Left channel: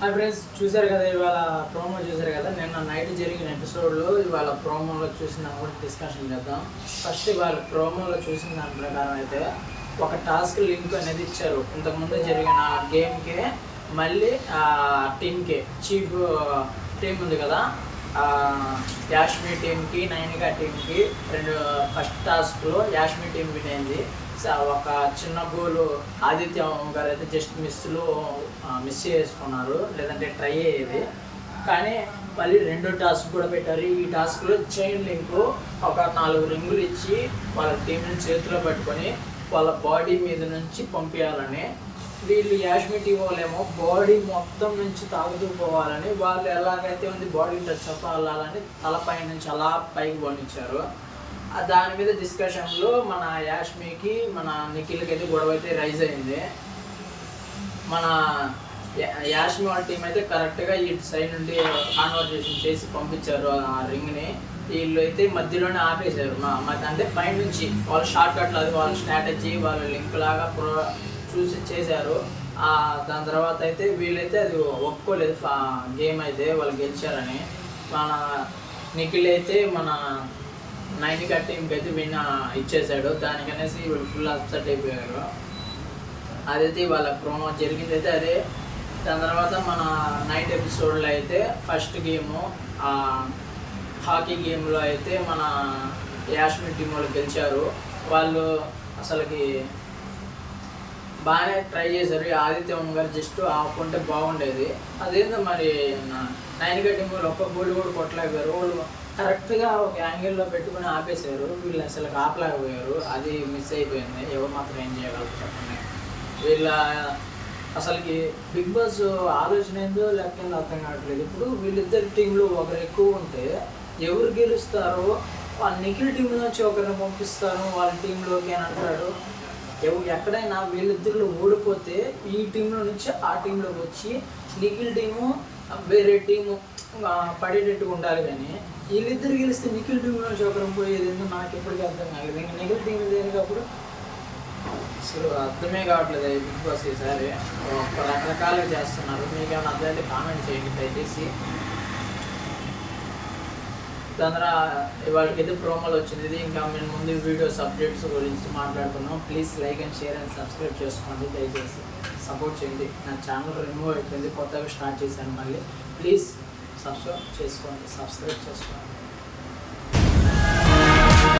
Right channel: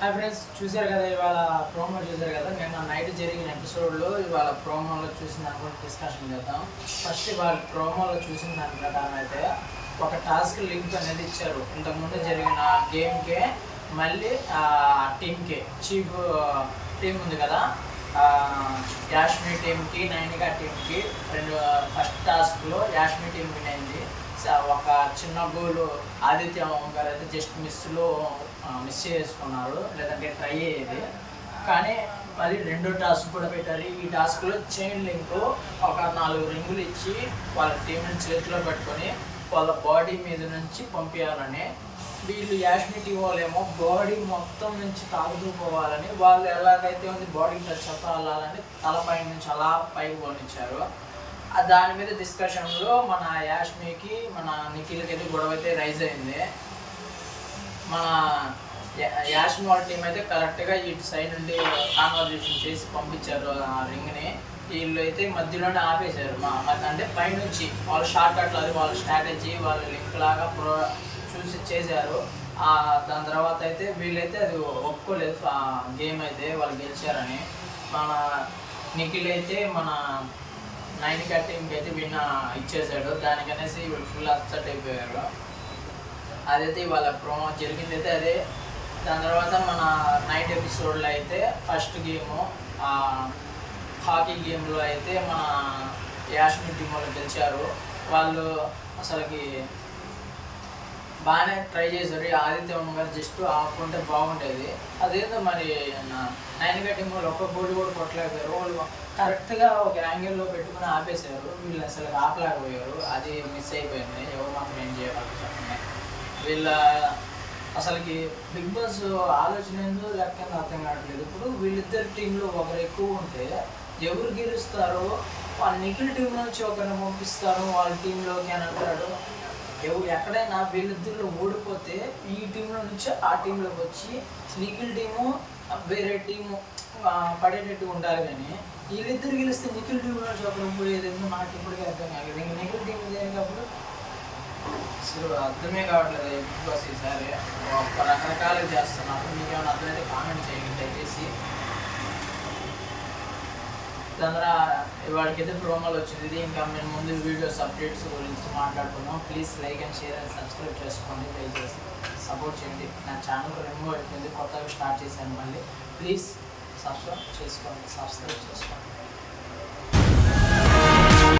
Hi friends, చూశారు కదా ఇవాళ ప్రోమో చూశారు కదా. నిన్న నైట్ జరిగిన ఎపిసోడ్లో ఇవాళ ప్రోమోలో చూసిన దాని గురించి డిస్కషన్ చేద్దాం. ఫస్ట్ ఇవాళ ప్రోమోలో చూసిన దాని ప్రకారం అయితే ఒక టాస్క్ లింక్ అనేది ఇచ్చారు. ఇంతకుముందు జరిగిన గేమ్కే మళ్ళీ టీమ్కే చీఫ్ టీం ఉంది కదా, యాష్మి టీంకి నైనికా టీంకి ఫస్ట్ టాస్క్లో యాష్మి టీం విన్ అయింది. ఒక చిన్న గోలు ఆదిత్య గారు అయితే జస్ట్ మిస్ చేసుకున్నారు, లేదంటే ట్రై అయ్యేది. కానీ మళ్ళీ రెండో టాస్క్ కూడా పెట్టారు. ఈ టాస్క్లో చైన్ లింక్ ఒక 4 రింగులు ఇచ్చి వాళ్ళ టీంని చేతిలో పెట్టుకొని వాళ్ళ బాడీ మీద నుంచి పంపించాలని, వీళ్ళు యాష్మి టీం వాళ్ళేమో బాడీ మొత్తం నుంచి తాగుతూ పోవాలని, వాళ్ళు ఎలాగైతే ఉంది బాడీ టచ్ అవుతా వెళ్ళాలని తలపై నుంచి అలా పైకి పోనిచ్చారు. దాని మీద డిస్కషన్లో మన యాష్మికి మన నిఖిల్కి అయితే గొడవ అయితే రైజ్ అయింది. మన యాష్మి వాళ్ళ టీం అయితే కరెక్ట్గా ఇటు సైడ్ నుండి కాన్వర్జేషన్ చేసి పంపించారు ఆ రింగ్ని. వీళ్ళు అయితే మధ్యలోనే ఆపేశారు. అంటే పైన నుంచి వాళ్ళ షార్ట్ కట్లు, అది వాళ్ళ స్ట్రాటజీ, వాళ్ళ లింక్ లాగా చూసి చేశారు. దాని తర్వాత అయితే వీళ్ళైతే అది ఒప్పుకోలేదు గేమ్ అయితే వాళ్ళు గెలిచారని. మన నిఖిల్ అయితే మన నైనికా టీంకి అయితే ఇచ్చేసాడు. దానికనేసి వీళ్ళు ఫుల్ అప్సెట్ అయిపోయారు. అదైతే వాళ్ళ ప్రోమో జరిగింది అయితే అదే. దాని తర్వాత మన నైట్ ఎపిసోడ్లో అయితే ఫస్ట్ గేము హాకీ గేమ్లో అయితే మన యాష్మి టీం వాళ్ళు గెలిచారు. వాళ్ళు అసలుకి బాగానే ట్రై చేశారు. ఆదిత్య గారు జస్ట్ ఆపుకుంటే బాగుండేది. అదేందో మరి నైనికా టీం వాళ్ళు ఒక్క గోల్ కూడా కొట్టలేకపోయారు. వాళ్ళు కరెక్ట్గా ఒక యాంగిల్లో పెట్టుకుని ఆపేశారు. వీళ్ళు అసలు ఆపలేకపోయారు. అది మిస్ అయిపోయింది. ఎవరు మాత్రం ఏం చేయగలరు చెప్పండి. వీళ్ళ అసలుకి బిగ్ బాస్ ఆలోచన ఏందో లేకపోతే అర్థం కావట్లేదు. ఇప్పుడు వీళ్ళిద్దరి టీంలో ఒకరు ఎక్కువ ఉంటే ఎవరు గెలుస్తారో వాళ్ళ నిఖిల్ టీం నుంచి ఒకరిని పంపిస్తాను వాళ్ళ టీంలోకి అని అంటాడు. ఎక్కడైనా వీళ్ళిద్దరిలో ఓడిపోతే ఈ టీంలో నుంచి ఆ టీంలోకి వచ్చి నిఖిల్ టీము వేరే టీము పడేటట్టుగా ఉండాలి. కానీ వీళ్ళిద్దరు గెలిస్తే నిఖిల్ టీం నుంచి ఒకరు పోయేది ఎందుకు నాకు ఇప్పటికీ అర్థం కాలేదు. ఇంక నిఖిల్ టీం దేనికప్పుడు అసలు అర్థమే కావట్లేదు. బిగ్ బాస్ ఈసారి రకరకాలుగా చేస్తున్నారు. మీకేమైనా అర్థమైతే కామెంట్ చేయండి దయచేసి. దాని ఇవాళకైతే ప్రోమోలు వచ్చింది. ఇది ఇంకా మేము ముందు వీడియోస్ అప్డేట్స్ గురించి మాట్లాడుకున్నాం. Please like and share and subscribe చేసుకోండి. దయచేసి సపోర్ట్ చేయండి. నా ఛానల్ రిమూవ్ అయిపోయింది, కొత్తగా స్టార్ట్ చేశాను. మళ్ళీ ప్లీజ్ సబ్స్క్రైబ్ చేసుకోండి.